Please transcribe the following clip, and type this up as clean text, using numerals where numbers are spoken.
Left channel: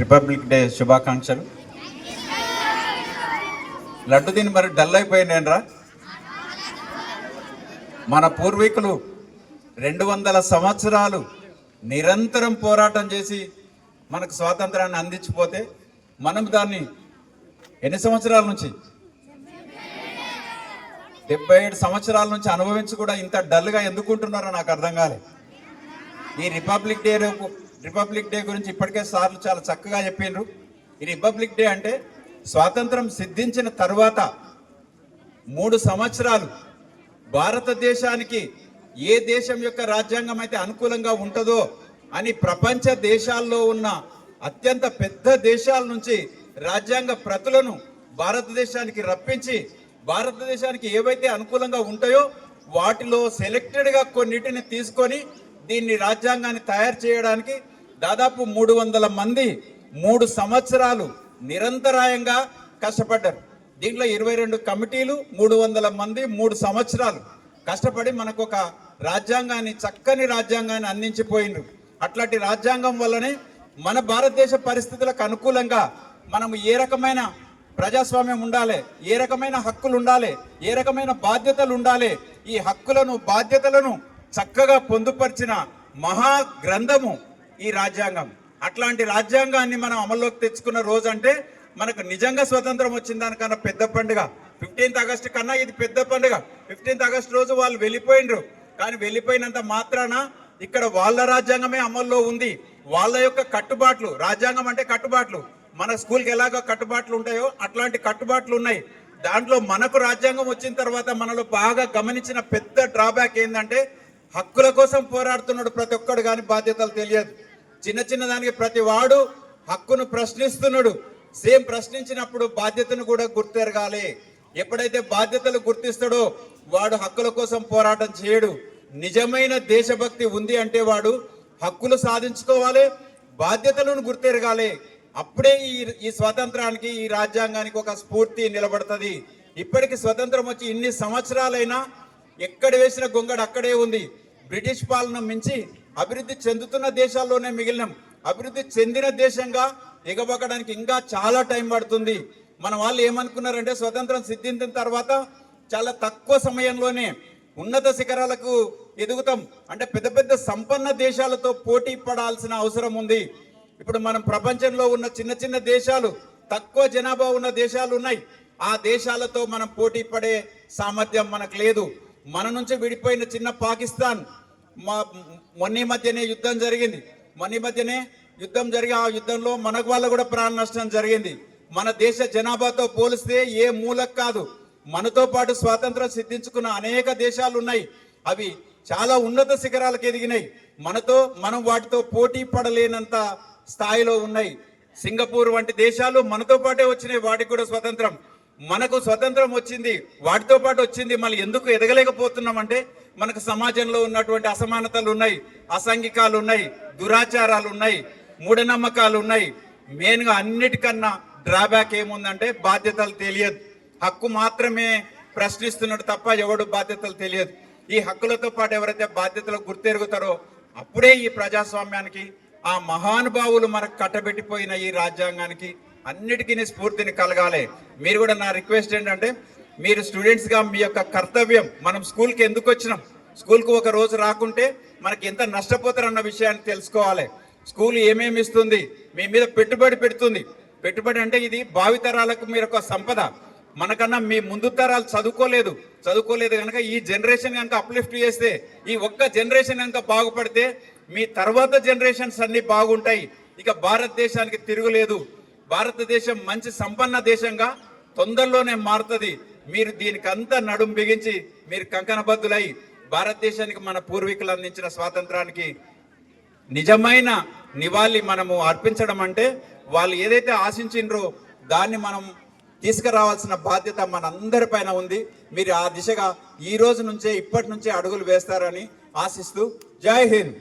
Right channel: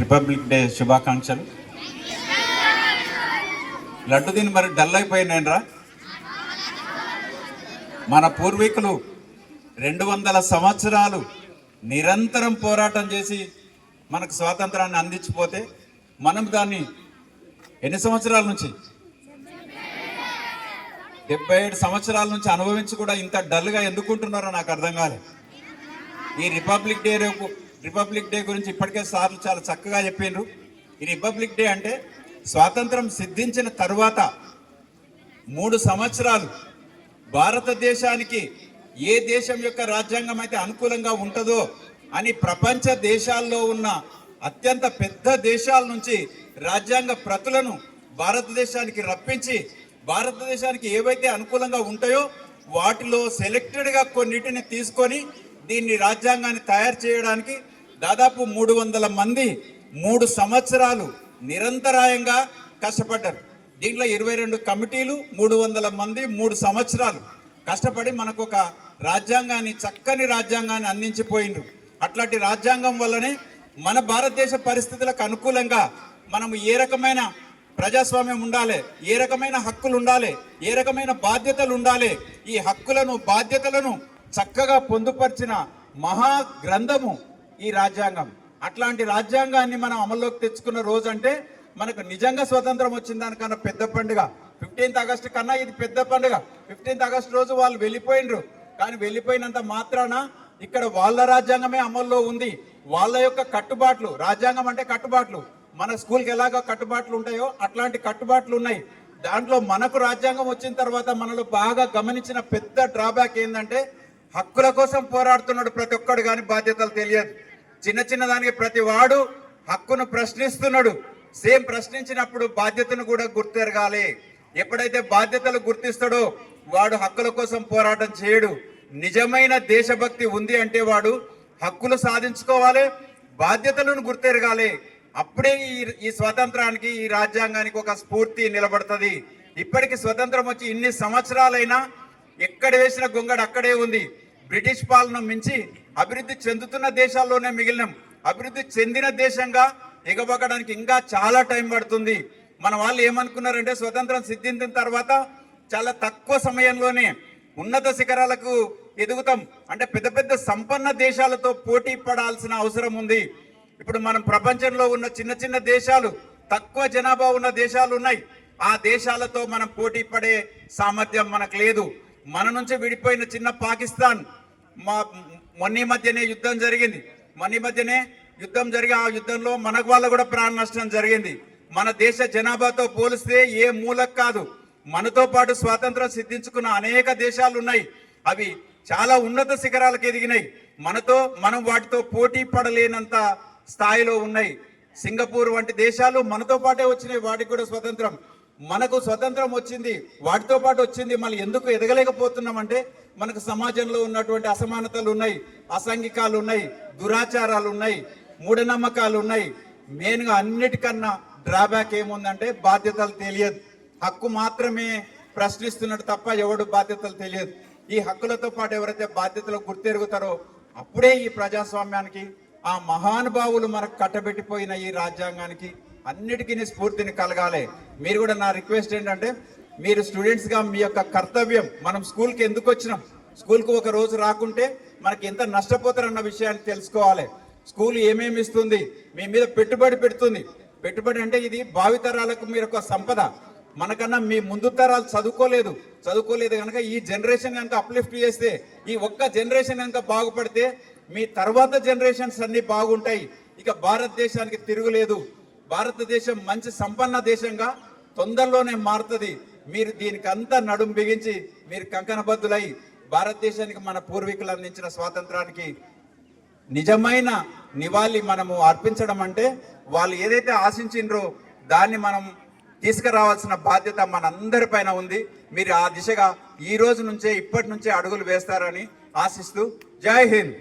Republic day శుభాకాంక్షలు. లడ్డు దీన్ని మరి డల్ అయిపోయినేనరా. మన పూర్వీకులు 200 సంవత్సరాలు నిరంతరం పోరాటం చేసి మనకు స్వాతంత్రాన్ని అందించిపోతే మనం దాన్ని ఎన్ని సంవత్సరాల నుంచి 77 సంవత్సరాల నుంచి అనుభవించి కూడా ఇంత డల్గా ఎందుకుంటున్నారో నాకు అర్థం కాలేదు. ఈ రిపబ్లిక్ డే గురించి ఇప్పటికే సార్లు చాలా చక్కగా చెప్పిండ్రు. ఈ రిపబ్లిక్ డే అంటే స్వాతంత్రం సిద్ధించిన తర్వాత 3 సంవత్సరాలు భారతదేశానికి ఏ దేశం యొక్క రాజ్యాంగం అయితే అనుకూలంగా ఉంటుందో అని ప్రపంచ దేశాల్లో ఉన్న అత్యంత పెద్ద దేశాల నుంచి రాజ్యాంగ ప్రతులను భారతదేశానికి రప్పించి భారతదేశానికి ఏవైతే అనుకూలంగా ఉంటాయో వాటిలో సెలెక్టెడ్గా కొన్నిటిని తీసుకొని దీన్ని రాజ్యాంగాన్ని తయారు చేయడానికి దాదాపు 300 మంది 3 సంవత్సరాలు నిరంతరాయంగా కష్టపడ్డారు. దీంట్లో 22 కమిటీలు 300 మంది 3 సంవత్సరాలు కష్టపడి మనకు ఒక రాజ్యాంగాన్ని చక్కని రాజ్యాంగాన్ని అందించిపోయిండ్రు. అట్లాంటి రాజ్యాంగం వల్లనే మన భారతదేశ పరిస్థితులకు అనుకూలంగా మనము ఏ రకమైన ప్రజాస్వామ్యం ఉండాలి, ఏ రకమైన హక్కులు ఉండాలి, ఏ రకమైన బాధ్యతలు ఉండాలి, ఈ హక్కులను బాధ్యతలను చక్కగా పొందుపరిచిన మహా గ్రంథము ఈ రాజ్యాంగం. అట్లాంటి రాజ్యాంగాన్ని మనం అమల్లోకి తెచ్చుకున్న రోజు అంటే మనకు నిజంగా స్వతంత్రం వచ్చిన దానికన్నా పెద్ద పండుగ. 15th ఆగస్టు కన్నా ఇది పెద్ద పండుగ. 15th ఆగస్టు రోజు వాళ్ళు వెళ్ళిపోయినరు, కానీ వెళ్ళిపోయినంత మాత్రాన ఇక్కడ వాళ్ళ రాజ్యాంగమే అమల్లో ఉంది. వాళ్ళ యొక్క కట్టుబాట్లు, రాజ్యాంగం అంటే కట్టుబాట్లు, మన స్కూల్కి ఎలాగో కట్టుబాట్లు ఉంటాయో అట్లాంటి కట్టుబాట్లు ఉన్నాయి. దాంట్లో మనకు రాజ్యాంగం వచ్చిన తర్వాత మనలో బాగా గమనించిన పెద్ద డ్రాబ్యాక్ ఏంటంటే హక్కుల కోసం పోరాడుతున్నాడు ప్రతి ఒక్కడు, కానీ బాధ్యతలు తెలియదు. చిన్న చిన్న దానికి ప్రతి వాడు హక్కును ప్రశ్నిస్తున్నాడు. సేమ్ ప్రశ్నించినప్పుడు బాధ్యతను కూడా గుర్తెరగాలి. ఎప్పుడైతే బాధ్యతలు గుర్తిస్తాడో వాడు హక్కుల కోసం పోరాటం చేయడు. నిజమైన దేశభక్తి ఉంది అంటే వాడు హక్కులు సాధించుకోవాలి, బాధ్యతలను గుర్తెరగాలి. అప్పుడే ఈ స్వాతంత్రానికి, ఈ రాజ్యాంగానికి ఒక స్ఫూర్తి నిలబడుతుంది. ఇప్పటికి స్వతంత్రం వచ్చి ఇన్ని సంవత్సరాలైనా ఎక్కడ వేసిన గొంగడు అక్కడే ఉంది. బ్రిటిష్ పాలన మించి అభివృద్ధి చెందుతున్న దేశాల్లోనే మిగిలినాం. అభివృద్ధి చెందిన దేశంగా ఎగబక్కడానికి ఇంకా చాలా టైం పడుతుంది. మన వాళ్ళు ఏమనుకున్నారంటే స్వతంత్రం సిద్ధించిన తర్వాత చాలా తక్కువ సమయంలోనే ఉన్నత శిఖరాలకు ఎదుగుతాం అంటే పెద్ద పెద్ద సంపన్న దేశాలతో పోటీ పడాల్సిన అవసరం ఉంది. ఇప్పుడు మనం ప్రపంచంలో ఉన్న చిన్న చిన్న దేశాలు, తక్కువ జనాభా ఉన్న దేశాలు ఉన్నాయి. ఆ దేశాలతో మనం పోటీ పడే సామర్థ్యం మనకు లేదు. మన నుంచి విడిపోయిన చిన్న పాకిస్తాన్, మొన్న మధ్యనే యుద్ధం జరిగింది. ఆ యుద్ధంలో మనకు వాళ్ళ కూడా ప్రాణ నష్టం జరిగింది. మన దేశ జనాభాతో పోలిస్తే ఏ మూలకు కాదు. మనతో పాటు స్వాతంత్రం సిద్ధించుకున్న అనేక దేశాలు ఉన్నాయి. అవి చాలా ఉన్నత శిఖరాలకు ఎదిగినాయి. మనం వాటితో పోటీ పడలేనంత స్థాయిలో ఉన్నాయి. సింగపూర్ వంటి దేశాలు మనతో పాటే వచ్చినాయి, వాటికి కూడా స్వతంత్రం. మనకు స్వతంత్రం వచ్చింది, వాటితో పాటు వచ్చింది. మళ్ళీ ఎందుకు ఎదగలేకపోతున్నాం అంటే మనకు సమాజంలో ఉన్నటువంటి అసమానతలు ఉన్నాయి, అసాంఘికాలు ఉన్నాయి, దురాచారాలు ఉన్నాయి, మూఢనమ్మకాలు ఉన్నాయి. మెయిన్గా అన్నిటికన్నా డ్రాబ్యాక్ ఏముందంటే బాధ్యతలు తెలియదు. హక్కు మాత్రమే ప్రశ్నిస్తున్నాడు తప్ప ఎవడు బాధ్యతలు తెలియదు. ఈ హక్కులతో పాటు ఎవరైతే బాధ్యతలు గుర్తెరుగుతారో అప్పుడే ఈ ప్రజాస్వామ్యానికి, ఆ మహానుభావులు మనకు కట్టబెట్టిపోయిన ఈ రాజ్యాంగానికి అన్నిటికీ స్ఫూర్తిని కలగాలి. మీరు కూడా నా రిక్వెస్ట్ ఏంటంటే మీరు స్టూడెంట్స్గా మీ యొక్క కర్తవ్యం, మనం స్కూల్కి ఎందుకు వచ్చినాం, స్కూల్కి ఒక రోజు రాకుంటే మనకి ఎంత నష్టపోతారన్న విషయాన్ని తెలుసుకోవాలి. స్కూల్ ఏమేమి ఇస్తుంది, మీ మీద పెట్టుబడి పెడుతుంది. పెట్టుబడి అంటే ఇది భావితరాలకు మీరు ఒక సంపద. మనకన్నా మీ ముందు తరాలు చదువుకోలేదు కనుక ఈ జనరేషన్ కనుక అప్లిఫ్ట్ చేస్తే, ఈ ఒక్క జనరేషన్ కనుక బాగుపడితే మీ తర్వాత జనరేషన్స్ అన్ని బాగుంటాయి. ఇక భారతదేశానికి తిరుగులేదు. భారతదేశం మంచి సంపన్న దేశంగా తొందరలోనే మారుతుంది. మీరు దీనికి అంతా నడుం బిగించి మీరు కంకణబద్దులై భారతదేశానికి మన పూర్వీకులు అందించిన స్వాతంత్రానికి నిజమైన నివాళి మనము అర్పించడం అంటే వాళ్ళు ఏదైతే ఆశించిండ్రో దాన్ని మనం తీసుకురావాల్సిన బాధ్యత మనందరిపైన ఉంది. మీరు ఆ దిశగా ఈ రోజు నుంచే, ఇప్పటి నుంచే అడుగులు వేస్తారని ఆశిస్తూ జై హింద్.